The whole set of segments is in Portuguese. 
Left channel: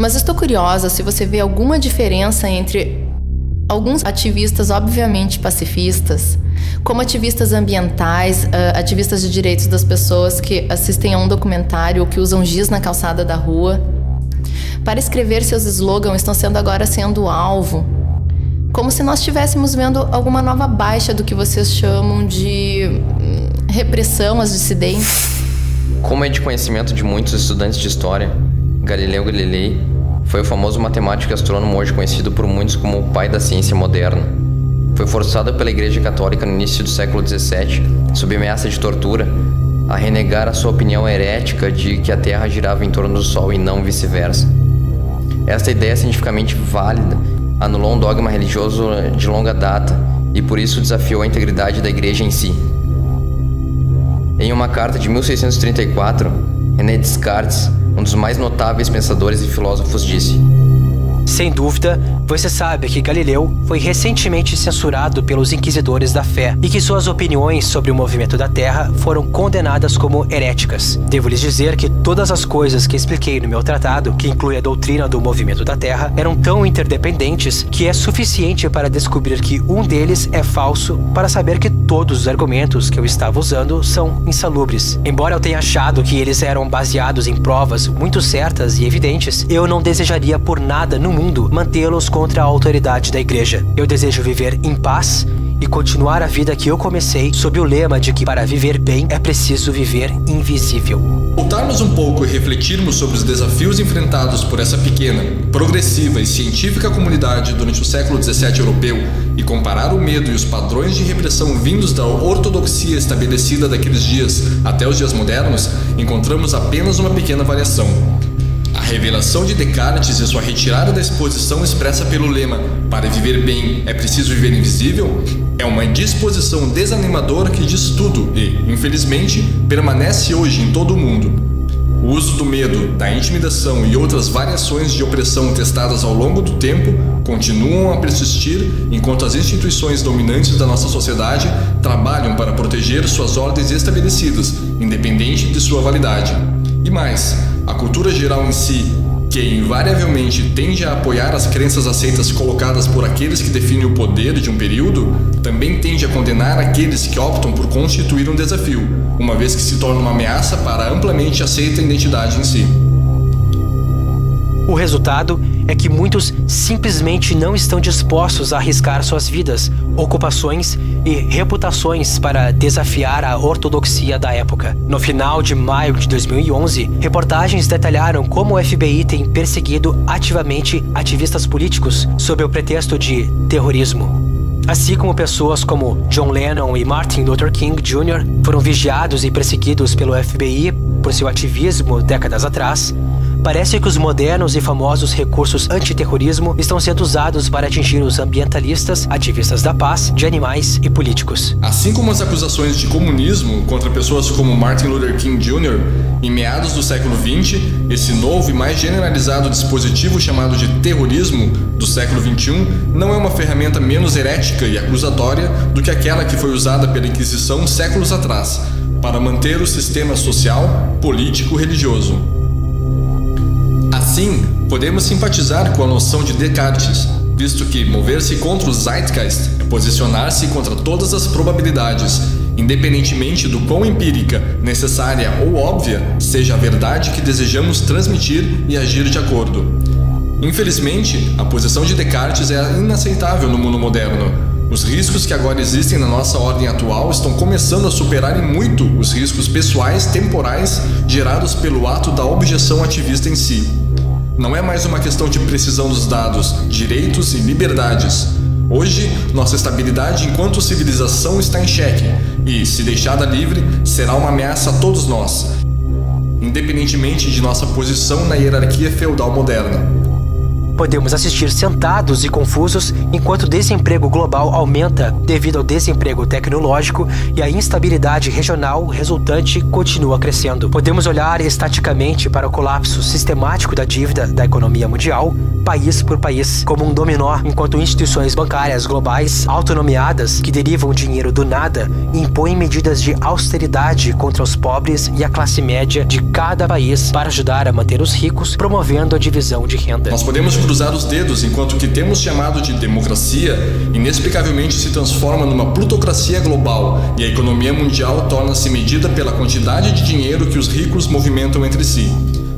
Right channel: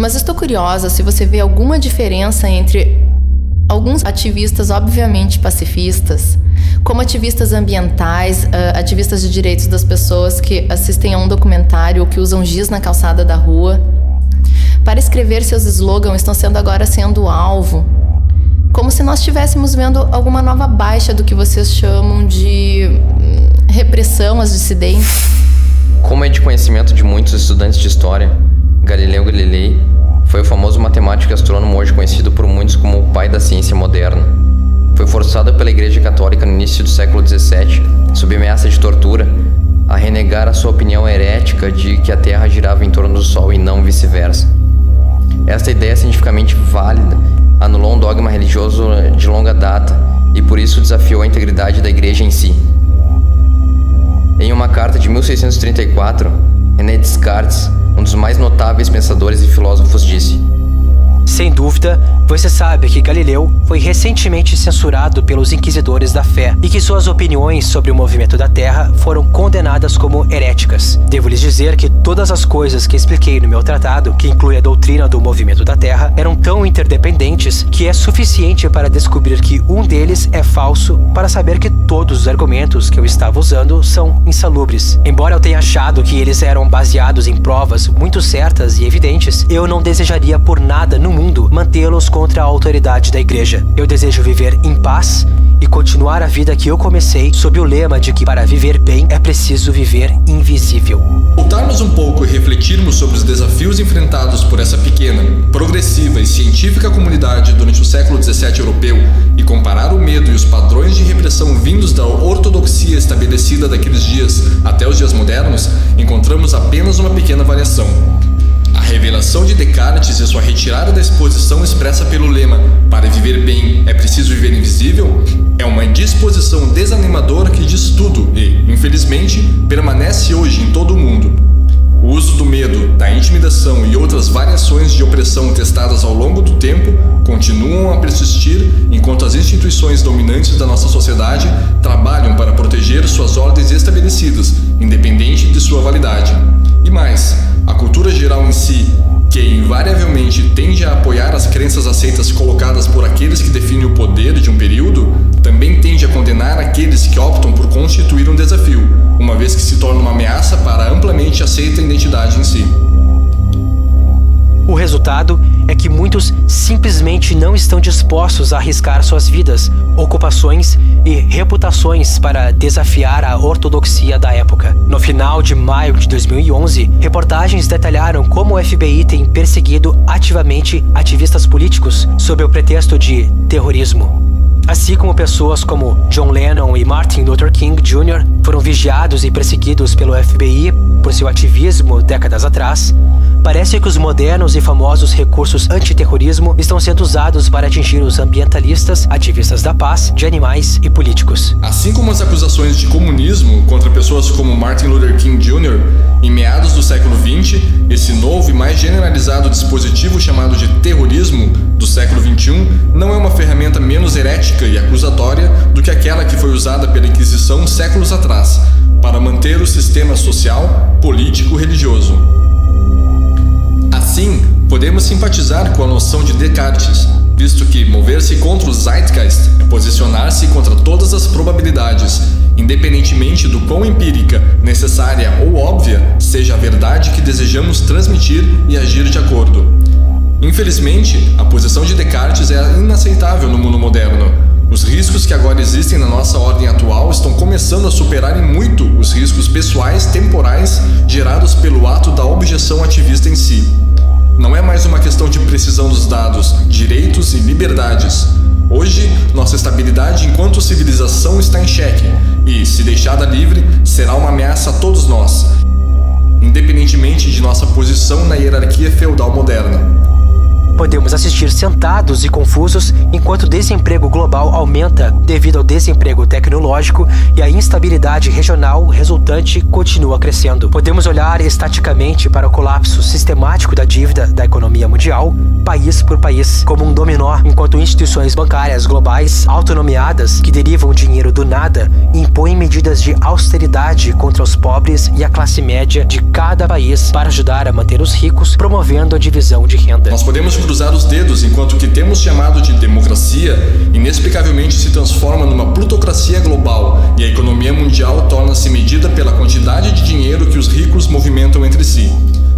Mas estou curiosa se você vê alguma diferença entre alguns ativistas obviamente pacifistas, como ativistas ambientais, ativistas de direitos das pessoas que assistem a um documentário ou que usam giz na calçada da rua. Para escrever seus slogans estão agora sendo alvo. Como se nós estivéssemos vendo alguma nova baixa do que vocês chamam de repressão às dissidentes. Como é de conhecimento de muitos estudantes de história, Galileu Galilei foi o famoso matemático e astrônomo hoje conhecido por muitos como o pai da ciência moderna. Foi forçado pela Igreja Católica no início do século XVII, sob ameaça de tortura, a renegar a sua opinião herética de que a Terra girava em torno do Sol e não vice-versa. Esta ideia cientificamente válida anulou um dogma religioso de longa data e por isso desafiou a integridade da Igreja em si. Em uma carta de 1634, René Descartes, um dos mais notáveis pensadores e filósofos, disse: Sem dúvida, você sabe que Galileu foi recentemente censurado pelos inquisidores da fé e que suas opiniões sobre o movimento da Terra foram condenadas como heréticas. Devo lhes dizer que todas as coisas que expliquei no meu tratado, que inclui a doutrina do movimento da Terra, eram tão interdependentes que é suficiente para descobrir que um deles é falso para saber que todos os argumentos que eu estava usando são insalubres. Embora eu tenha achado que eles eram baseados em provas muito certas e evidentes, eu não desejaria por nada no mundo mantê-los contra a autoridade da Igreja. Eu desejo viver em paz e continuar a vida que eu comecei sob o lema de que para viver bem é preciso viver invisível. Voltarmos um pouco e refletirmos sobre os desafios enfrentados por essa pequena, progressiva e científica comunidade durante o século XVII europeu e comparar o medo e os padrões de repressão vindos da ortodoxia estabelecida daqueles dias até os dias modernos, encontramos apenas uma pequena variação. A revelação de Descartes e sua retirada da exposição expressa pelo lema "para viver bem é preciso viver invisível" é uma disposição desanimadora que diz tudo e, infelizmente, permanece hoje em todo o mundo. O uso do medo, da intimidação e outras variações de opressão testadas ao longo do tempo continuam a persistir enquanto as instituições dominantes da nossa sociedade trabalham para proteger suas ordens estabelecidas, independente de sua validade. E mais, a cultura geral em si, que invariavelmente tende a apoiar as crenças aceitas colocadas por aqueles que definem o poder de um período, também tende a condenar aqueles que optam por constituir um desafio, uma vez que se torna uma ameaça para a amplamente aceita identidade em si. O resultado é que muitos simplesmente não estão dispostos a arriscar suas vidas, ocupações e reputações para desafiar a ortodoxia da época. No final de maio de 2011, reportagens detalharam como o FBI tem perseguido ativamente ativistas políticos sob o pretexto de terrorismo. Assim como pessoas como John Lennon e Martin Luther King Jr. foram vigiados e perseguidos pelo FBI por seu ativismo décadas atrás, parece que os modernos e famosos recursos antiterrorismo estão sendo usados para atingir os ambientalistas, ativistas da paz, de animais e políticos. Assim como as acusações de comunismo contra pessoas como Martin Luther King Jr., em meados do século XX, esse novo e mais generalizado dispositivo chamado de terrorismo do século XXI não é uma ferramenta menos herética e acusatória do que aquela que foi usada pela Inquisição séculos atrás, para manter o sistema social, político e religioso. Assim, podemos simpatizar com a noção de Descartes, visto que mover-se contra o Zeitgeist é posicionar-se contra todas as probabilidades, independentemente do quão empírica, necessária ou óbvia seja a verdade que desejamos transmitir e agir de acordo. Infelizmente, a posição de Descartes é inaceitável no mundo moderno. Os riscos que agora existem na nossa ordem atual estão começando a superar em muito os riscos pessoais temporais gerados pelo ato da objeção ativista em si. Não é mais uma questão de precisão dos dados, direitos e liberdades. Hoje, nossa estabilidade enquanto civilização está em xeque e, se deixada livre, será uma ameaça a todos nós, independentemente de nossa posição na hierarquia feudal moderna. Podemos assistir sentados e confusos enquanto o desemprego global aumenta devido ao desemprego tecnológico e a instabilidade regional resultante continua crescendo. Podemos olhar estaticamente para o colapso sistemático da dívida da economia mundial, país por país, como um dominó, enquanto instituições bancárias globais autonomiadas que derivam dinheiro do nada impõem medidas de austeridade contra os pobres e a classe média de cada país para ajudar a manter os ricos, promovendo a divisão de renda. Nós podemos cruzar os dedos enquanto o que temos chamado de democracia inexplicavelmente se transforma numa plutocracia global e a economia mundial torna-se medida pela quantidade de dinheiro que os ricos movimentam entre si.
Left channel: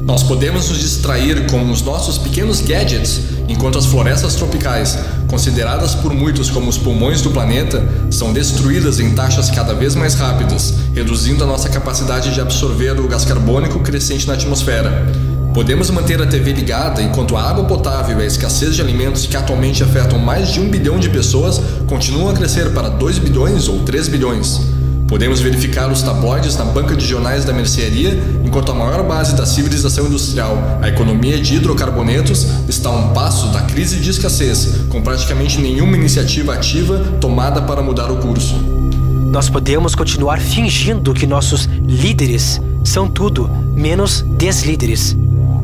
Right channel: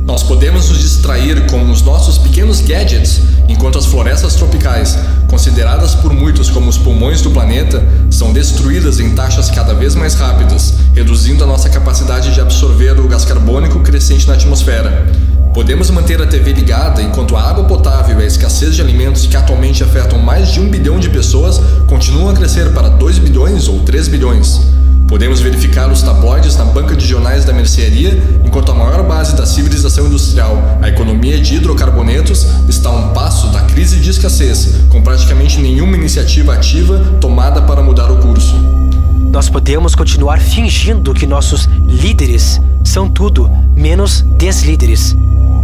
Nós podemos nos distrair com os nossos pequenos gadgets, enquanto as florestas tropicais, consideradas por muitos como os pulmões do planeta, são destruídas em taxas cada vez mais rápidas, reduzindo a nossa capacidade de absorver o gás carbônico crescente na atmosfera. Podemos manter a TV ligada enquanto a água potável e a escassez de alimentos que atualmente afetam mais de 1 bilhão de pessoas continuam a crescer para 2 bilhões ou 3 bilhões. Podemos verificar os tabloides na banca de jornais da mercearia, enquanto a maior base da civilização industrial, a economia de hidrocarbonetos, está a um passo da crise de escassez, com praticamente nenhuma iniciativa ativa tomada para mudar o curso. Nós podemos continuar fingindo que nossos líderes são tudo menos deslíderes,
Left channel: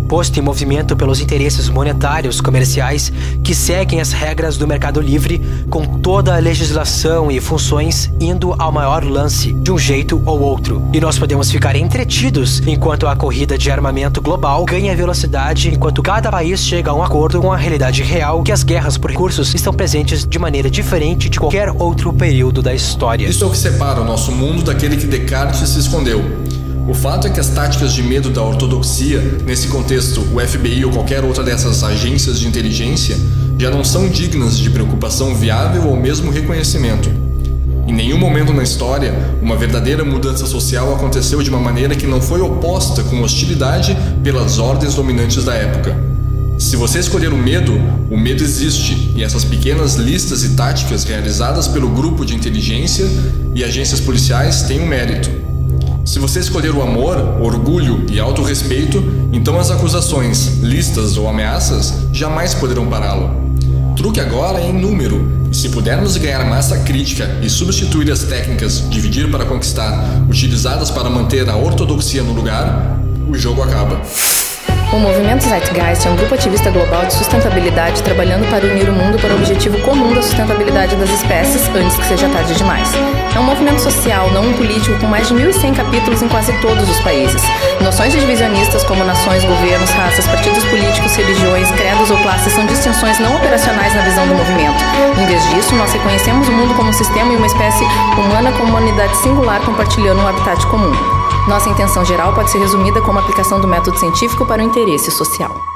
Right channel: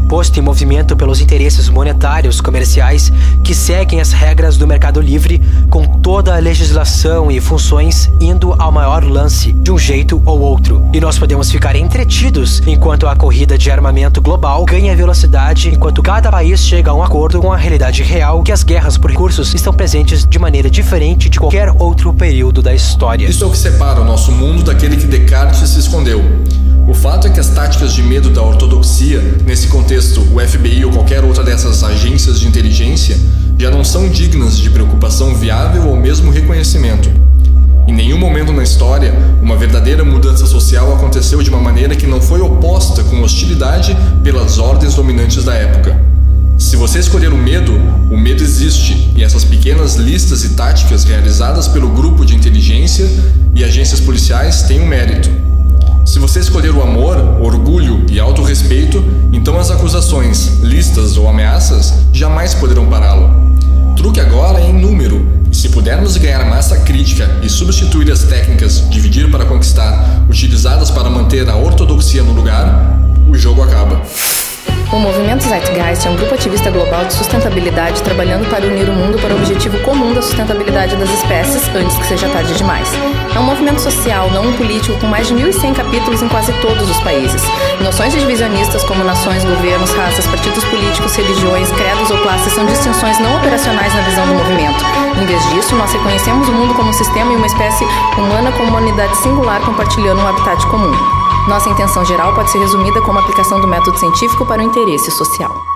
posto em movimento pelos interesses monetários comerciais que seguem as regras do mercado livre, com toda a legislação e funções indo ao maior lance de um jeito ou outro. E nós podemos ficar entretidos enquanto a corrida de armamento global ganha velocidade, enquanto cada país chega a um acordo com a realidade real que as guerras por recursos estão presentes de maneira diferente de qualquer outro período da história. Isso é o que separa o nosso mundo daquele que Descartes se escondeu. O fato é que as táticas de medo da ortodoxia, nesse contexto o FBI ou qualquer outra dessas agências de inteligência, já não são dignas de preocupação viável ou mesmo reconhecimento. Em nenhum momento na história, uma verdadeira mudança social aconteceu de uma maneira que não foi oposta com hostilidade pelas ordens dominantes da época. Se você escolher o medo existe, e essas pequenas listas e táticas realizadas pelo grupo de inteligência e agências policiais têm um mérito. Se você escolher o amor, orgulho e autorrespeito, então as acusações, listas ou ameaças jamais poderão pará-lo. O truque agora é em número, e se pudermos ganhar massa crítica e substituir as técnicas dividir para conquistar, utilizadas para manter a ortodoxia no lugar, o jogo acaba. O Movimento Zeitgeist é um grupo ativista global de sustentabilidade trabalhando para unir o mundo para o objetivo comum da sustentabilidade das espécies antes que seja tarde demais. É um movimento social, não um político, com mais de 1.100 capítulos em quase todos os países. Noções divisionistas como nações, governos, raças, partidos políticos, religiões, credos ou classes são distinções não operacionais na visão do movimento. Em vez disso, nós reconhecemos o mundo como um sistema e uma espécie humana como uma unidade singular compartilhando um habitat comum. Nossa intenção geral pode ser resumida como a aplicação do método científico para o interesse social.